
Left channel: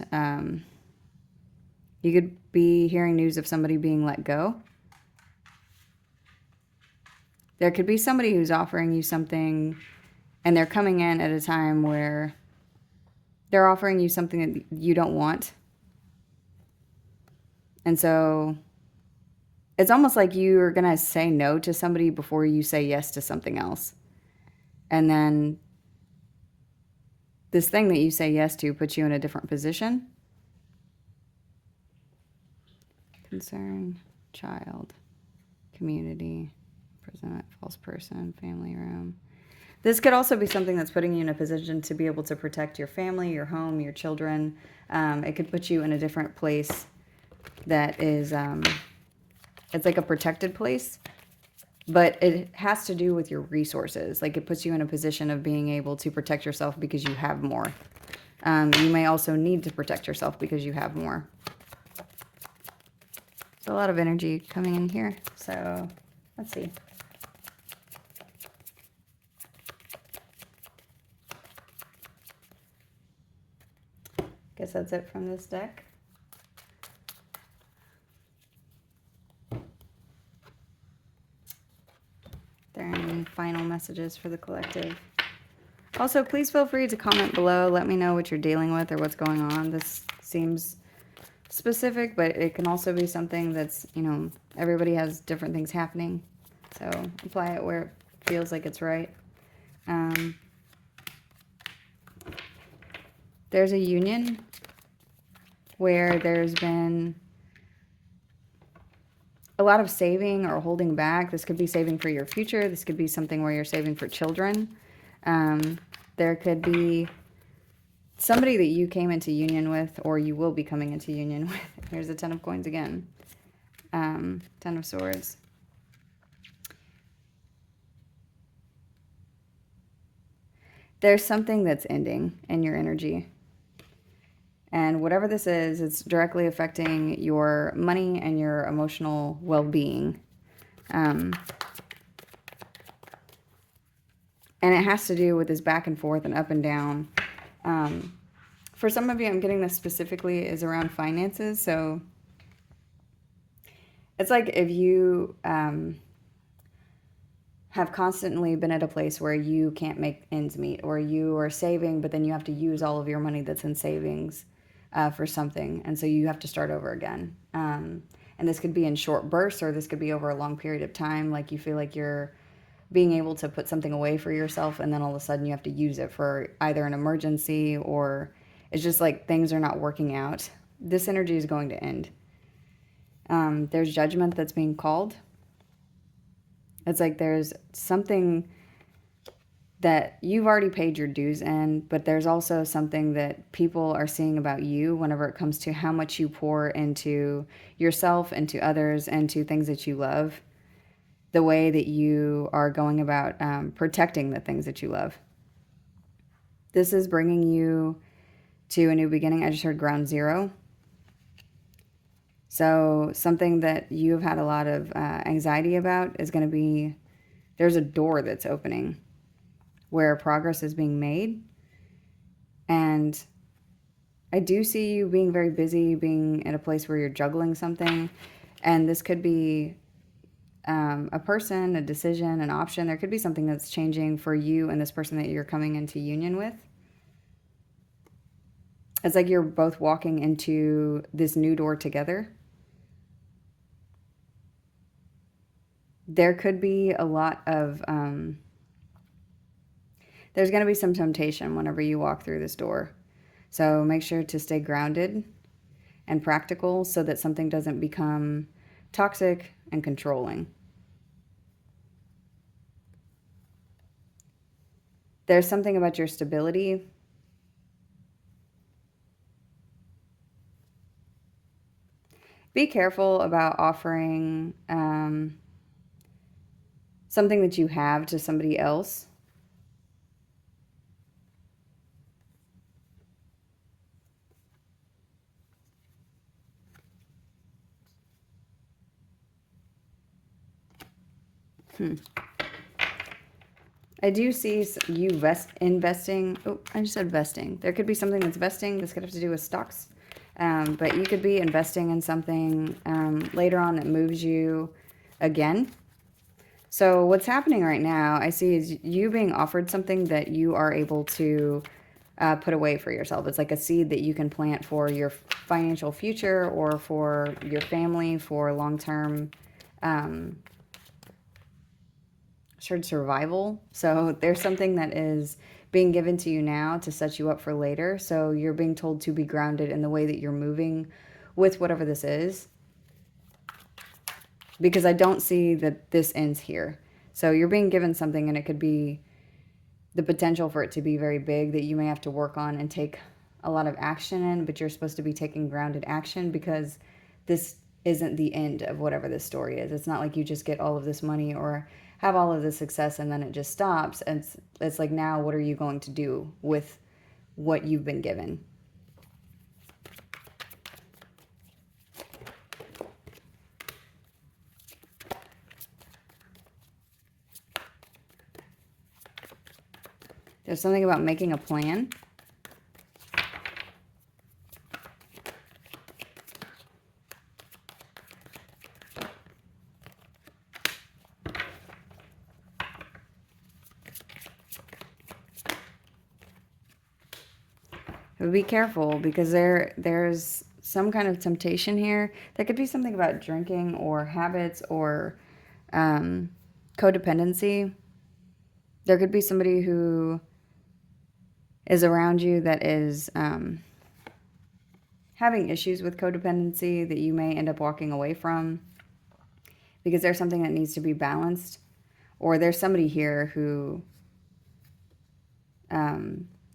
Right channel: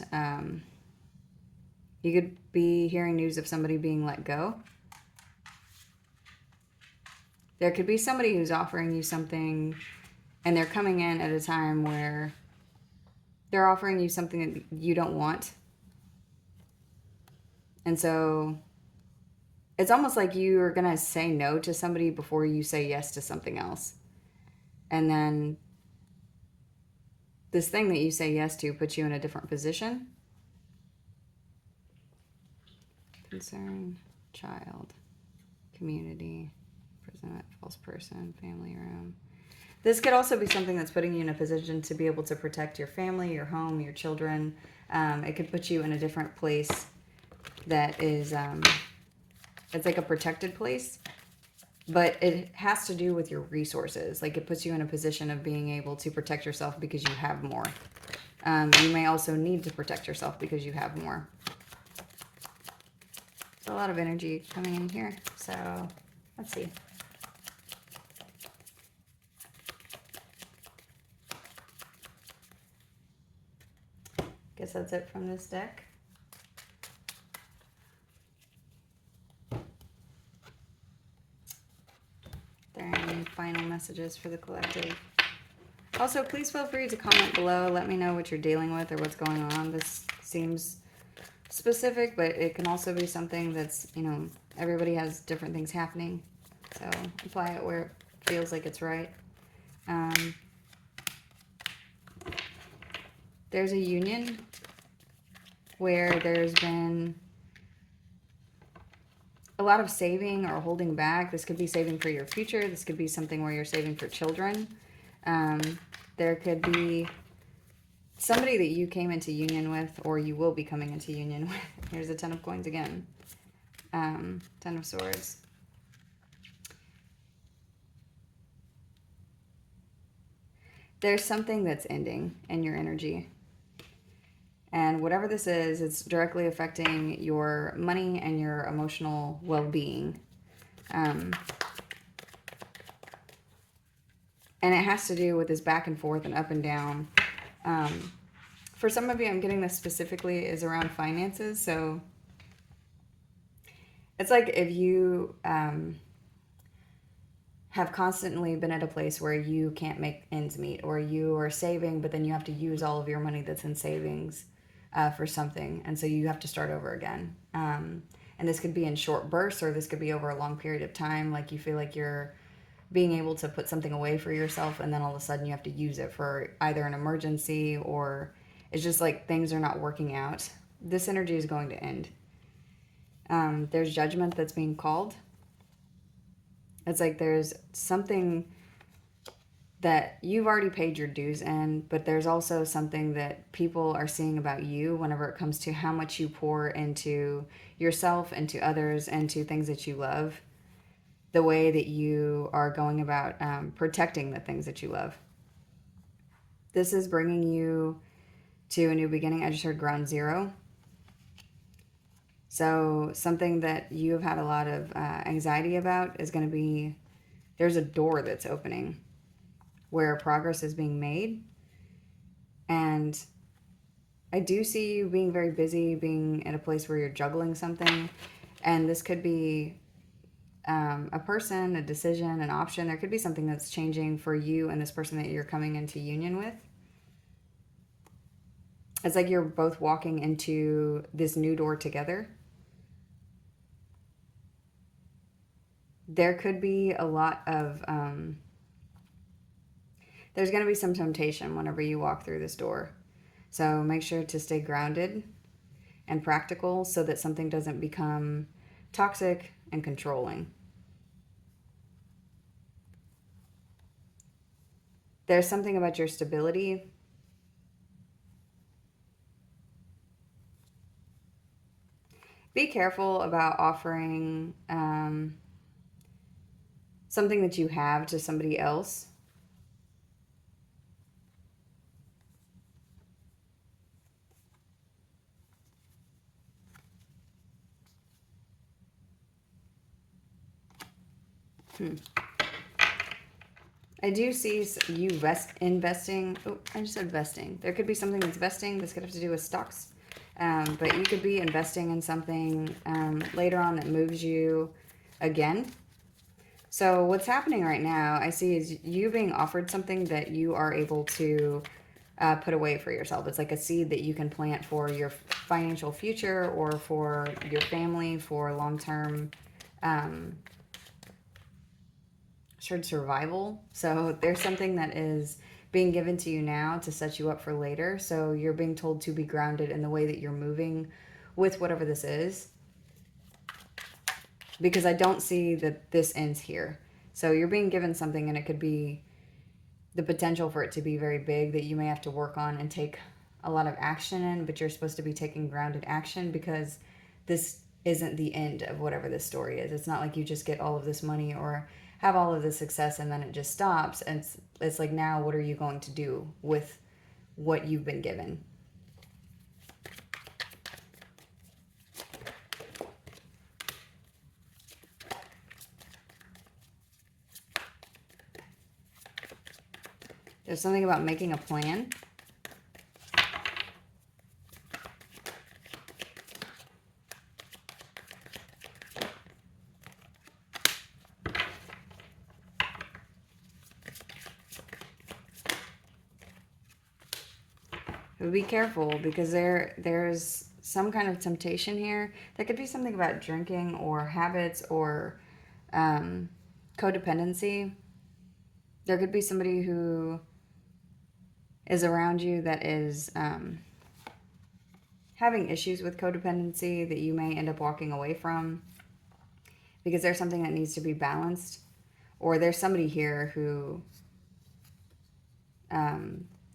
you could be hearing news of somebody being let go. There could be somebody who's offering you something, and they're coming in at a time where they're offering you something that you don't want. And so it's almost like you're going to say no to somebody before you say yes to something else. And then this thing that you say yes to puts you in a different position. Concern, child, community, imprisonment, false person, family room. This could also be something that's putting you in a position to be able to protect your family, your home, your children. It could put you in a different place that is, it's like a protected place, but it has to do with your resources. Like it puts you in a position of being able to protect yourself because you have more. You may also need to protect yourself because you have more. There's a lot of energy coming in here. So let's see. Guess that's it from this deck. There are any final messages for the collective? Also, please feel free to comment below. Let me know what you're dealing with or what's going on. This seems specific, but it can also be something that's, you know, everybody has different things happening. So apply it where it feels like it's right. There's a union where there's been a lot of saving or holding back. This could be saving for your future. This could be something where you're saving for children. There could be somebody that you came into union with, or you will be coming into union with. Here's the 10 of coins again. 10 of swords. There's something that's ending in your energy. And whatever this is, it's directly affecting your money and your emotional well-being. And it has to do with this back and forth and up and down. For some of you, I'm getting this specifically is around finances. So it's like if you have constantly been at a place where you can't make ends meet, or you are saving, but then you have to use all of your money that's in savings for something. And so you have to start over again. And this could be in short bursts, or this could be over a long period of time. Like you feel like you're being able to put something away for yourself, and then all of a sudden you have to use it for either an emergency, or it's just like things are not working out. This energy is going to end. There's judgment that's being called. It's like there's something that you've already paid your dues in, but there's also something that people are seeing about you whenever it comes to how much you pour into yourself, into others, into things that you love. The way that you are going about protecting the things that you love. This is bringing you to a new beginning. I just heard ground zero. So something that you've had a lot of anxiety about is going to be, there's a door that's opening where progress is being made. And I do see you being very busy, being at a place where you're juggling something. And this could be a person, a decision, an option. There could be something that's changing for you and this person that you're coming into union with. It's like you're both walking into this new door together. There could be a lot of, there's going to be some temptation whenever you walk through this door. So make sure to stay grounded and practical so that something doesn't become toxic and controlling. There's something about your stability. Be careful about offering something that you have to somebody else. I do see you investing. Oh, I just said vesting. There could be something that's vesting. This could have to do with stocks. But you could be investing in something later on that moves you again. So what's happening right now, I see, is you being offered something that you are able to put away for yourself. It's like a seed that you can plant for your financial future or for your family for long-term assured survival. So there's something that is being given to you now to set you up for later. So you're being told to be grounded in the way that you're moving with whatever this is. Because I don't see that this ends here. So you're being given something, and it could be the potential for it to be very big that you may have to work on and take a lot of action in, but you're supposed to be taking grounded action because this isn't the end of whatever this story is. It's not like you just get all of this money or have all of this success and then it just stops. And it's like, now what are you going to do with what you've been given? There's something about making a plan. But be careful, because there's some kind of temptation here. There could be something about drinking or habits or codependency. There could be somebody who is around you that is having issues with codependency that you may end up walking away from because there's something that needs to be balanced. Or there's somebody here who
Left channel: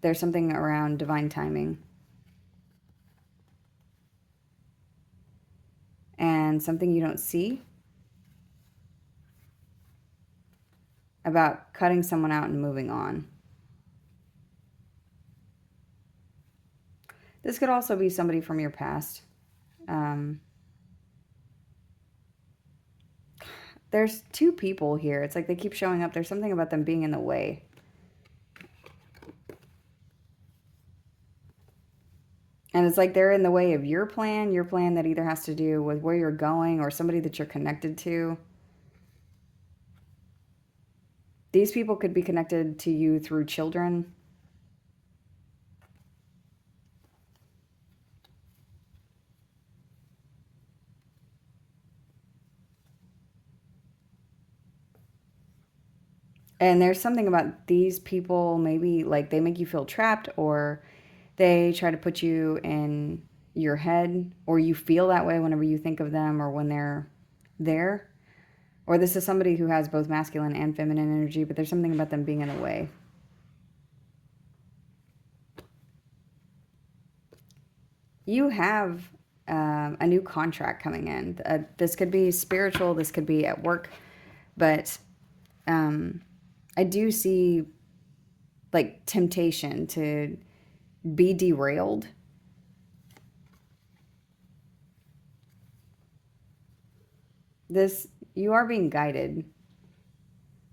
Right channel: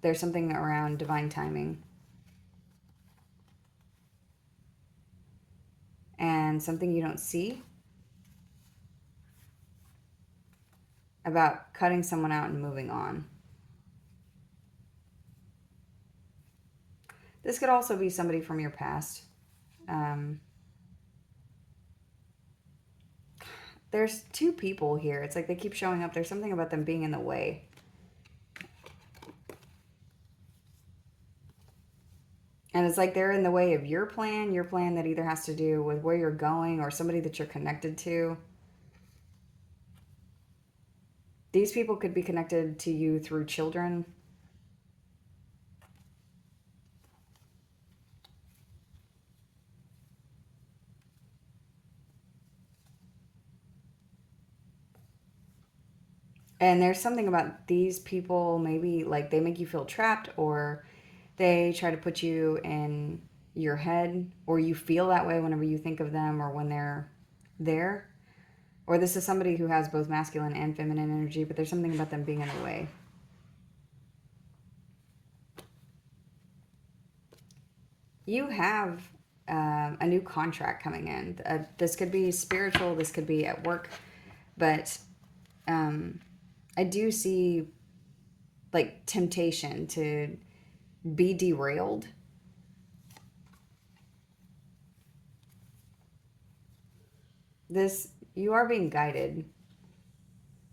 there's something around divine timing and something you don't see about cutting someone out and moving on. This could also be somebody from your past. There's two people here. It's like they keep showing up. There's something about them being in the way. And it's like they're in the way of your plan that either has to do with where you're going or somebody that you're connected to. These people could be connected to you through children. And there's something about these people, maybe like they make you feel trapped, or they try to put you in your head, or you feel that way whenever you think of them or when they're there. Or this is somebody who has both masculine and feminine energy, but there's something about them being in the way. You have a new contract coming in. This could be spiritual, this could be at work, but I do see like temptation to be derailed. You are being guided.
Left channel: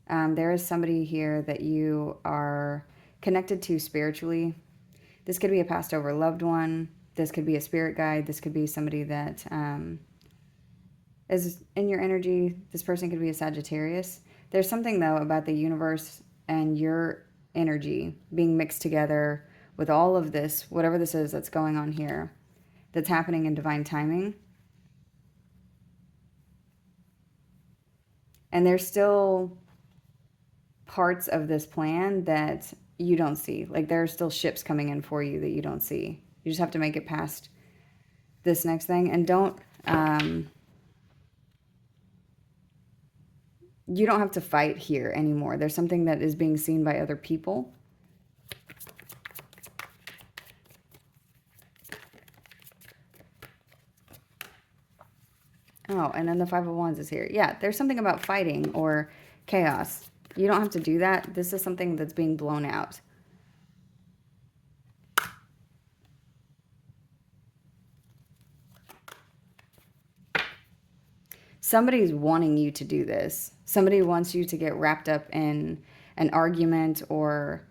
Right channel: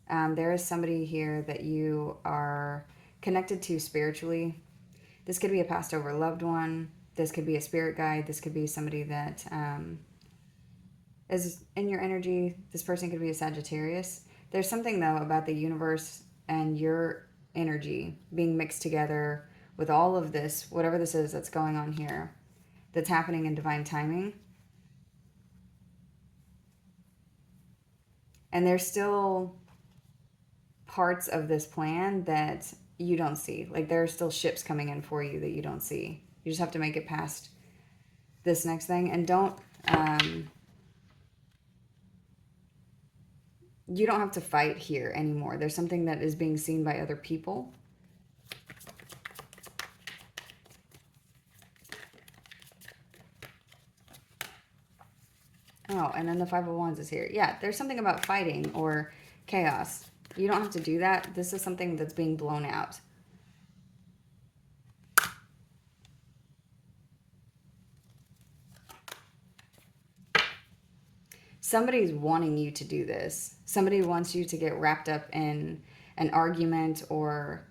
There is somebody here that you are connected to spiritually. This could be a passed over loved one. This could be a spirit guide. This could be somebody that is in your energy. This person could be a Sagittarius. There's something, though, about the universe and your energy being mixed together with all of this, whatever this is that's going on here, that's happening in divine timing. And there's still parts of this plan that you don't see. Like, there are still ships coming in for you that you don't see. You just have to make it past this next thing. And don't, you don't have to fight here anymore. There's something that is being seen by other people. Oh, and then the Five of Wands is here. Yeah, there's something about fighting or chaos. You don't have to do that. This is something that's being blown out. Somebody's wanting you to do this. Somebody wants you to get wrapped up in an argument or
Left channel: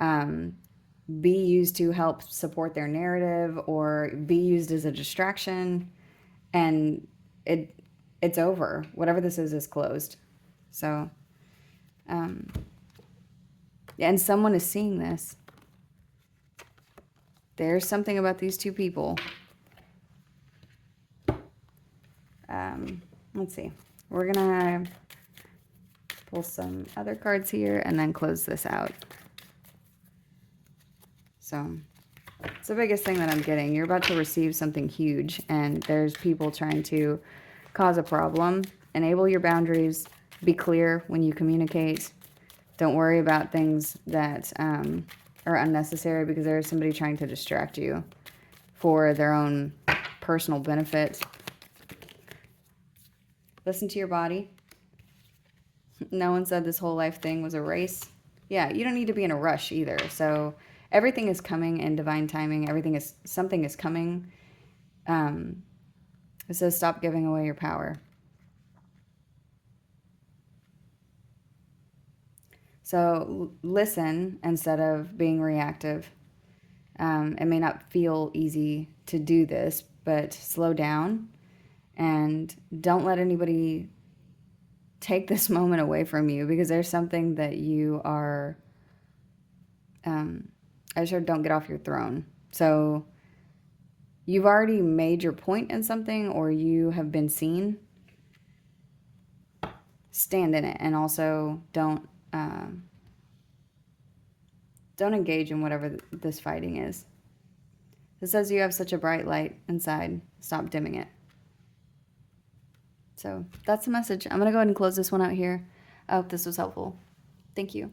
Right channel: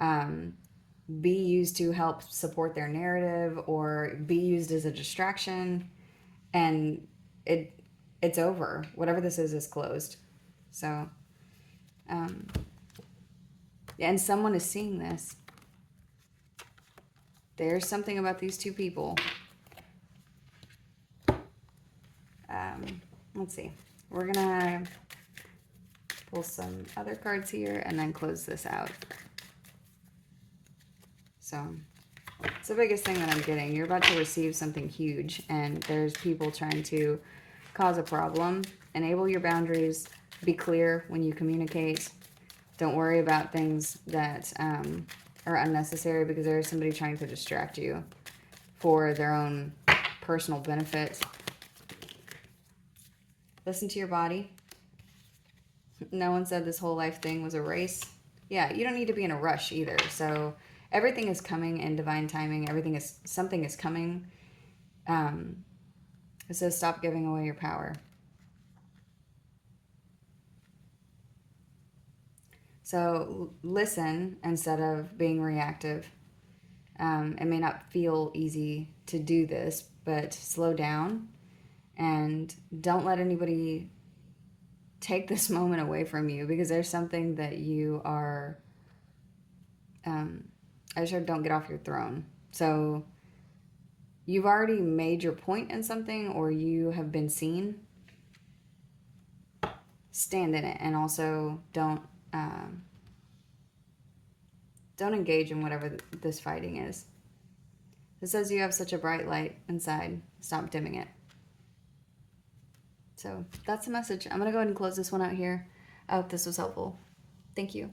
be used to help support their narrative or be used as a distraction. And it's over. Whatever this is closed. So, and someone is seeing this. There's something about these two people. Let's see. We're going to pull some other cards here and then close this out. So, it's the biggest thing that I'm getting. You're about to receive something huge, and there's people trying to cause a problem. Enable your boundaries. Be clear when you communicate. Don't worry about things that are unnecessary, because there is somebody trying to distract you for their own personal benefit. Listen to your body. No one said this whole life thing was a race. Yeah, you don't need to be in a rush either. So everything is coming in divine timing. Something is coming. It says stop giving away your power. So listen instead of being reactive. It may not feel easy to do this, but slow down and don't let anybody take this moment away from you, because there's something that you are, I just heard don't get off your throne. So you've already made your point in something, or you have been seen. Stand in it, and also don't engage in whatever this fighting is. It says you have such a bright light inside. Stop dimming it. So that's the message. I'm going to go ahead and close this one out here. I hope this was helpful. Thank you.